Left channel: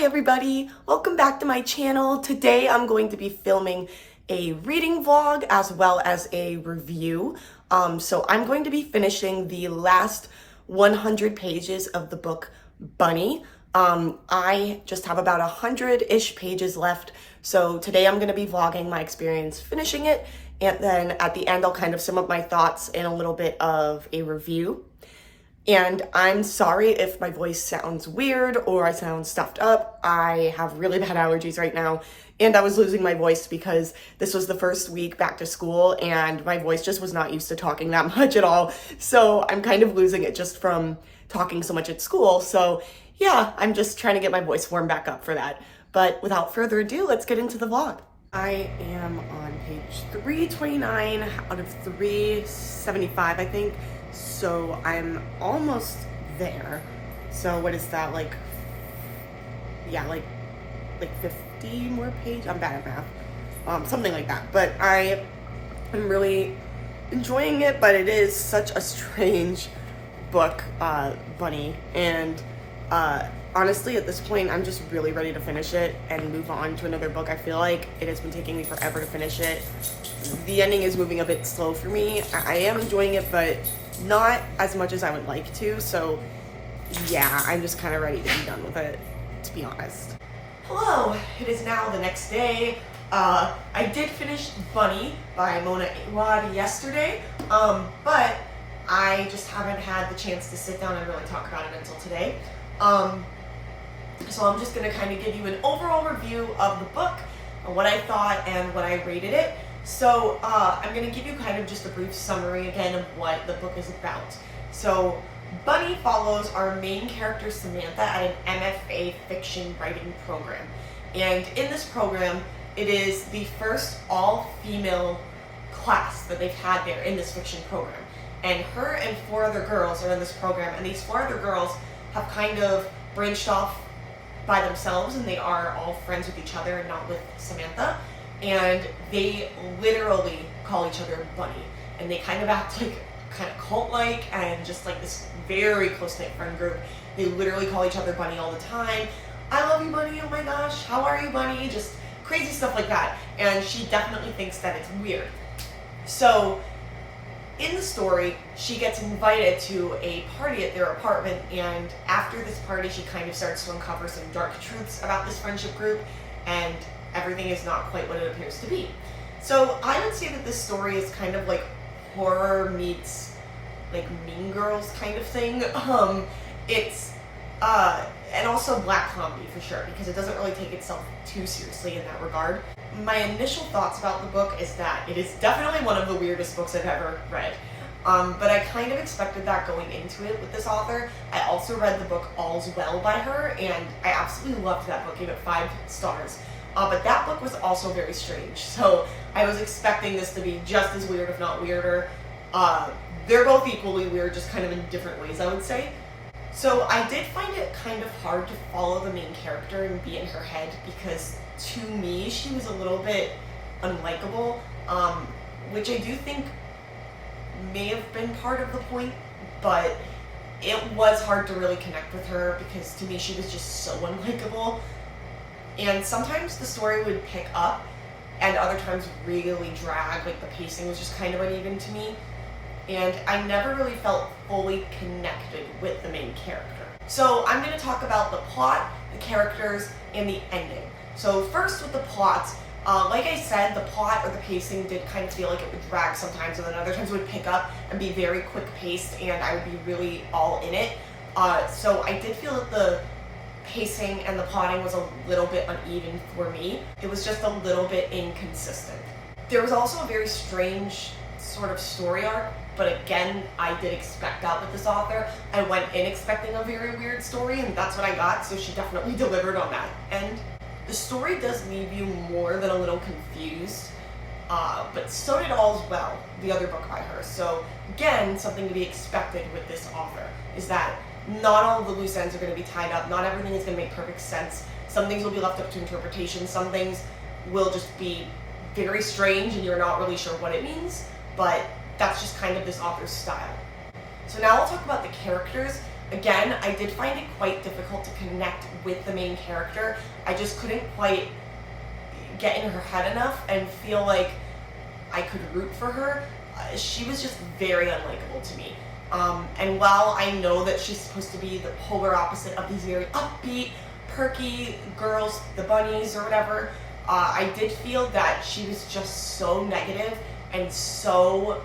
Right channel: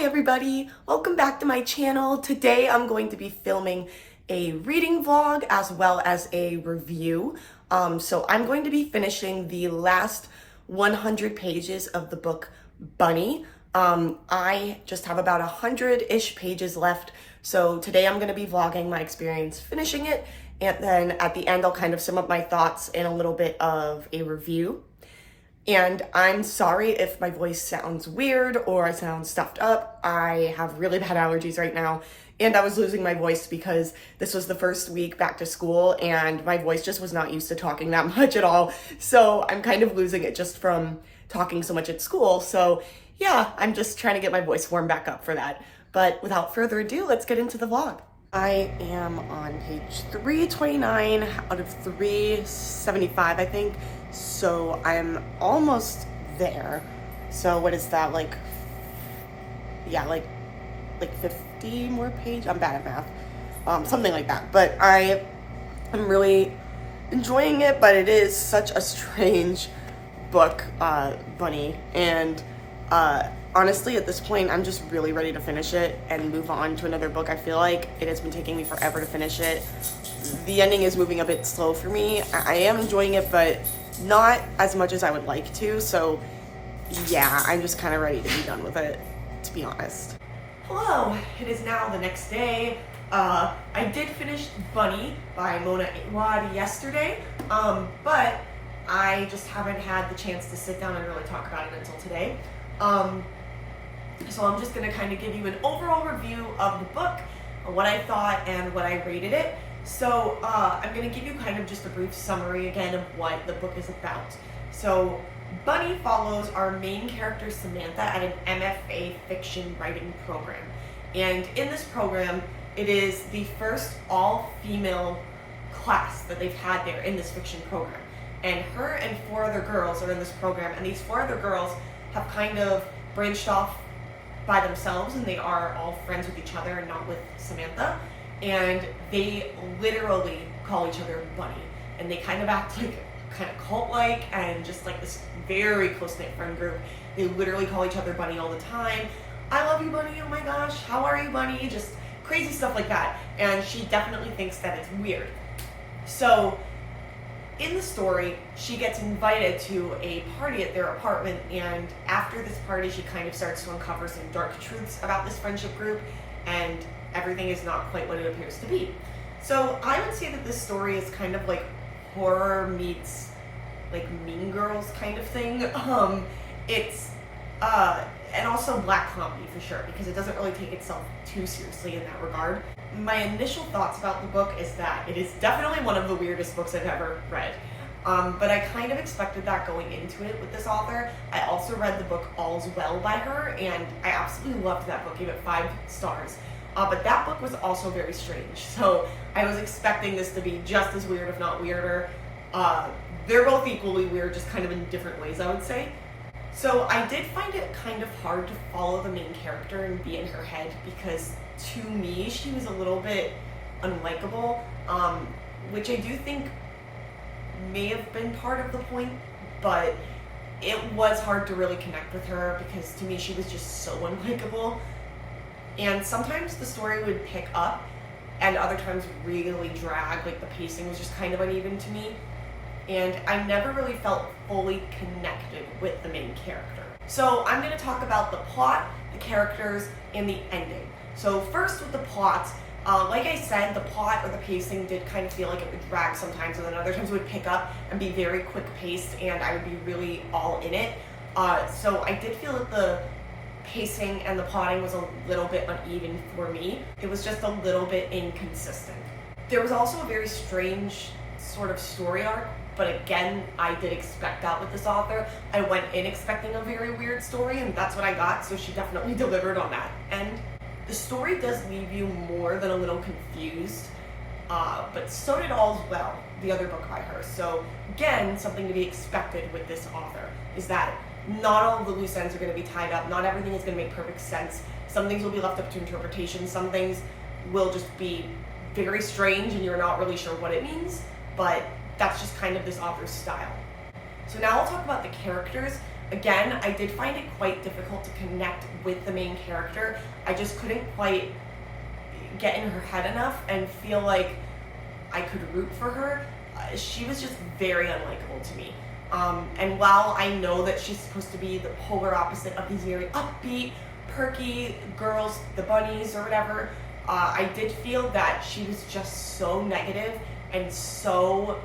Hi everybody, welcome back to my channel. Today I'm going to be filming a reading vlog as well as a review. So I'm going to be finishing the last 100 pages of the book Bunny. I just have about 100-ish pages left. So today I'm going to be vlogging my experience finishing it, and then at the end I'll kind of sum up my thoughts and a little bit of a review. And I'm sorry if my voice sounds weird or I sound stuffed up. I have really bad allergies right now, and I was losing my voice because this was the first week back to school and my voice just was not used to talking that much at all. So I'm kind of losing it just from talking so much at school. So yeah, I'm just trying to get my voice warmed back up for that. But without further ado, let's get into the vlog. I am on page 329 out of 375, I think. So I'm almost there. So what is that, like 50 more pages? I'm bad at math. Something like that. But I am really enjoying it, but it is such a strange book, Bunny. And honestly, at this point, I'm just really ready to finish it and move on to another book. I feel like it has been taking me forever to finish it. The ending is moving a bit slow for me. I am enjoying it, but not as much as I would like to. So yeah, I'm just kind of ready to be done with it, to be honest. Hello, it is now the next day. I did finish Bunny by Mona Awad yesterday, but I just haven't had the chance to sit down and really talk about it until today. So I'm just gonna kind of give you an overall review of the book, what I thought and what I rated it. So I'm gonna give you kind of just a brief summary again of what the book is about. So Bunny follows our main character Samantha at an MFA fiction writing program. And in this program, it is the first all-female class that they've had there in this fiction program. And her and 4 other girls are in this program, and these 4 other girls have kind of branched off by themselves, and they are all friends with each other and not with Samantha. And they literally call each other Bunny, and they kind of act like kind of cult-like and just like this very close-knit friend group. They literally call each other Bunny all the time. I love you, Bunny. Oh my gosh, how are you, Bunny? Just crazy stuff like that. And she definitely thinks that it's weird. So in the story, she gets invited to a party at their apartment, and after this party, she kind of starts to uncover some dark truths about this friendship group, and everything is not quite what it appears to be. So I would say that this story is kind of like horror meets like Mean Girls kind of thing. It's and also black comedy for sure, because it doesn't really take itself too seriously in that regard. My initial thoughts about the book is that it is definitely one of the weirdest books I've ever read. But I kind of expected that going into it with this author. I also read the book All's Well by her, and I absolutely loved that book, gave it 5 stars. But that book was also very strange. So I was expecting this to be just as weird, if not weirder. They're both equally weird, just kind of in different ways, I would say. So I did find it kind of hard to follow the main character and be in her head, because to me, she was a little bit unlikable, which I do think may have been part of the point, but it was hard to really connect with her because to me, she was just so unlikable. And sometimes the story would pick up and other times really drag, like the pacing was just kind of uneven to me. And I never really felt fully connected with the main character. So I'm going to talk about the plot, the characters, and the ending. So first with the plot, like I said, the plot or the pacing did kind of feel like it would drag sometimes, and then other times it would pick up and be very quick paced and I would be really all in it. So I did feel that the pacing and the plotting was a little bit uneven for me. It was just a little bit inconsistent. There was also a very strange sort of story arc, but again, I did expect that with this author. I went in expecting a very weird story, and that's what I got, so she definitely delivered on that end. The story does leave you more than a little confused, but so did All's Well, the other book by her. So again, something to be expected with this author is that not all of the loose ends are going to be tied up. Not everything is going to make perfect sense. Some things will be left up to interpretation. Some things will just be very strange and you're not really sure what it means, but that's just kind of this author's style. So now I'll talk about the characters. again, I did find it quite difficult to connect with the main character. I just couldn't quite get in her head enough and feel like I could root for her. She was just very unlikable to me. And while I know that she's supposed to be the polar opposite of these very upbeat, perky girls, the bunnies or whatever, I did feel that she was just so negative and so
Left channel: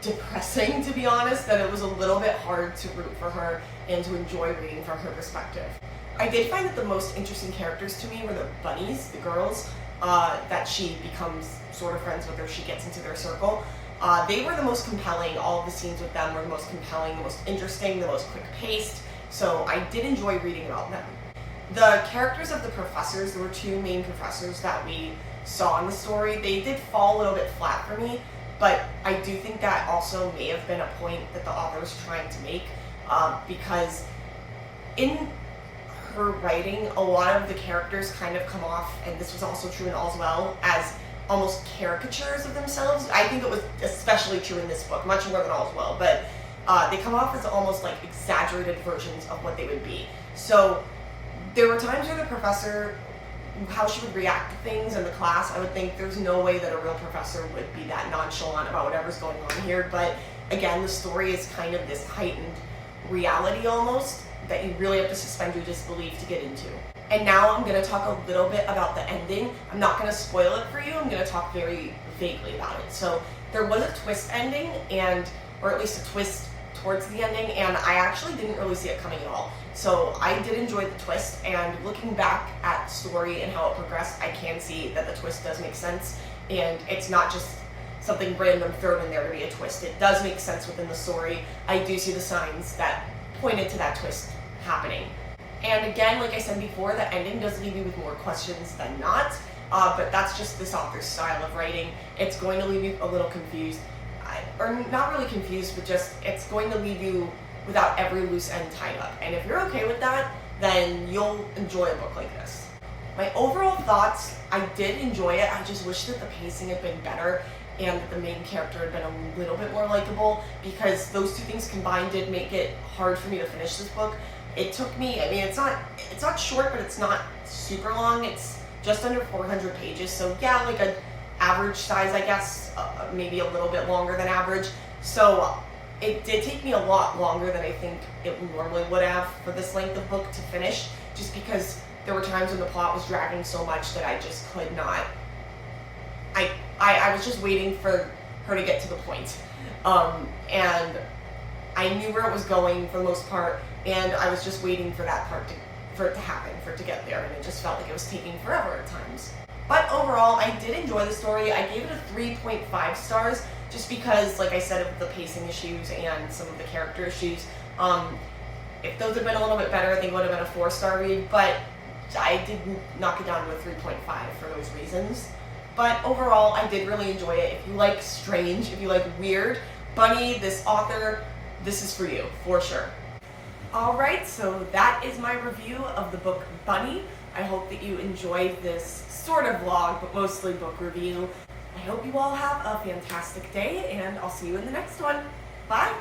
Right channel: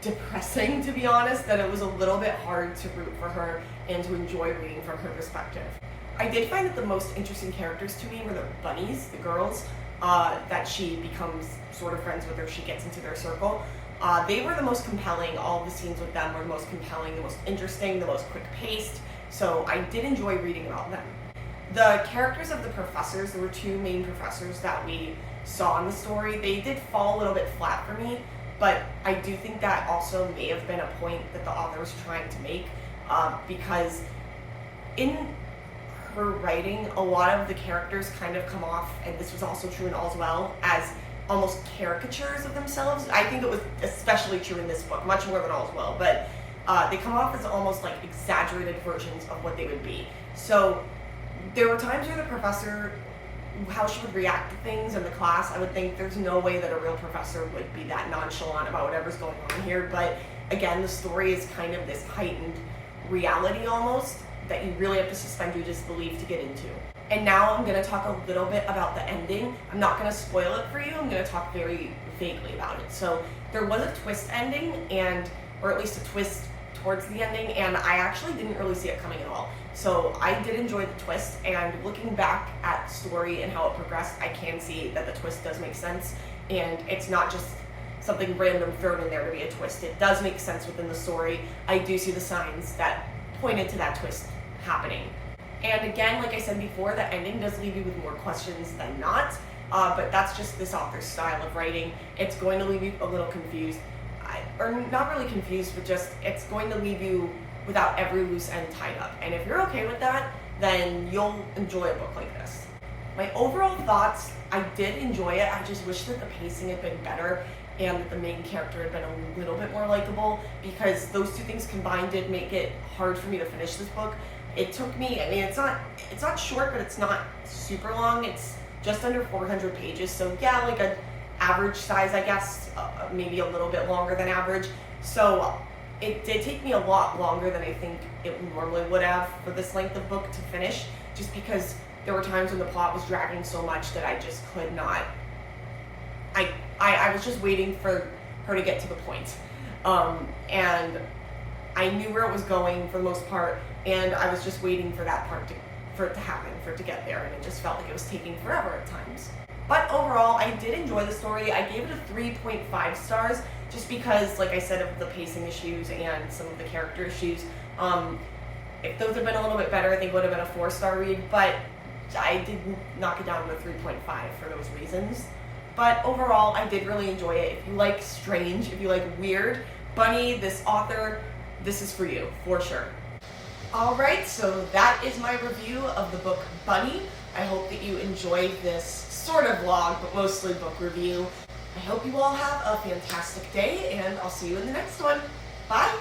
depressing, to be honest, that it was a little bit hard to root for her and to enjoy reading from her perspective. I did find that the most interesting characters to me were the bunnies, the girls, that she becomes sort of friends with, or she gets into their circle. They were the most compelling. All of the scenes with them were the most compelling, the most interesting, the most quick-paced, so I did enjoy reading about them. The characters of the professors, there were two main professors that we saw in the story. They did fall a little bit flat for me, but I do think that also may have been a point that the author was trying to make, because in her writing, a lot of the characters kind of come off, and this was also true in All's Well, as almost caricatures of themselves. I think it was especially true in this book, much more than All's Well, but they come off as almost like exaggerated versions of what they would be. So there were times where the professor, how she would react to things in the class, I would think there's no way that a real professor would be that nonchalant about whatever's going on here. But again, the story is kind of this heightened reality almost that you really have to suspend your disbelief to get into. And now I'm going to talk a little bit about the ending. I'm not going to spoil it for you. I'm going to talk very vaguely about it. So there was a twist ending, or at least a twist towards the ending, and I actually didn't really see it coming at all. So I did enjoy the twist, and looking back at the story and how it progressed, I can see that the twist does make sense, and it's not just something random thrown in there to be a twist. It does make sense within the story. I do see the signs that pointed to that twist happening. And again, like I said before, the ending does leave you with more questions than not, but that's just this author's style of writing. It's going to leave you a little confused, or not really confused, but just it's going to leave you without every loose end tied up. And if you're okay with that, then you'll enjoy a book like this. My overall thoughts, I did enjoy it. I just wish that the pacing had been better and that the main character had been a little bit more likable, because those two things combined did make it hard for me to finish this book. It took me, I mean, it's not short, but it's not super long. It's just under 400 pages. So yeah, like an average size, I guess, maybe a little bit longer than average. So it did take me a lot longer than I think it normally would have for this length of book to finish, just because there were times when the plot was dragging so much that I just could not, I was just waiting for her to get to the point. And I knew where it was going for the most part, and I was just waiting for that part for it to happen, for it to get there, and it just felt like it was taking forever at times. But overall, I did enjoy the story. I gave it a 3.5 stars, just because, like I said, of the pacing issues and some of the character issues. If those had been a little bit better, I think it would have been a 4-star read, but I did knock it down to a 3.5 for those reasons. But overall, I did really enjoy it. If you like strange, if you like weird, Bunny, this author, this is for you, for sure. Alright, so that is my review of the book Bunny. I hope that you enjoyed this sort of vlog, but mostly book review. I hope you all have a fantastic day, and I'll see you in the next one. Bye!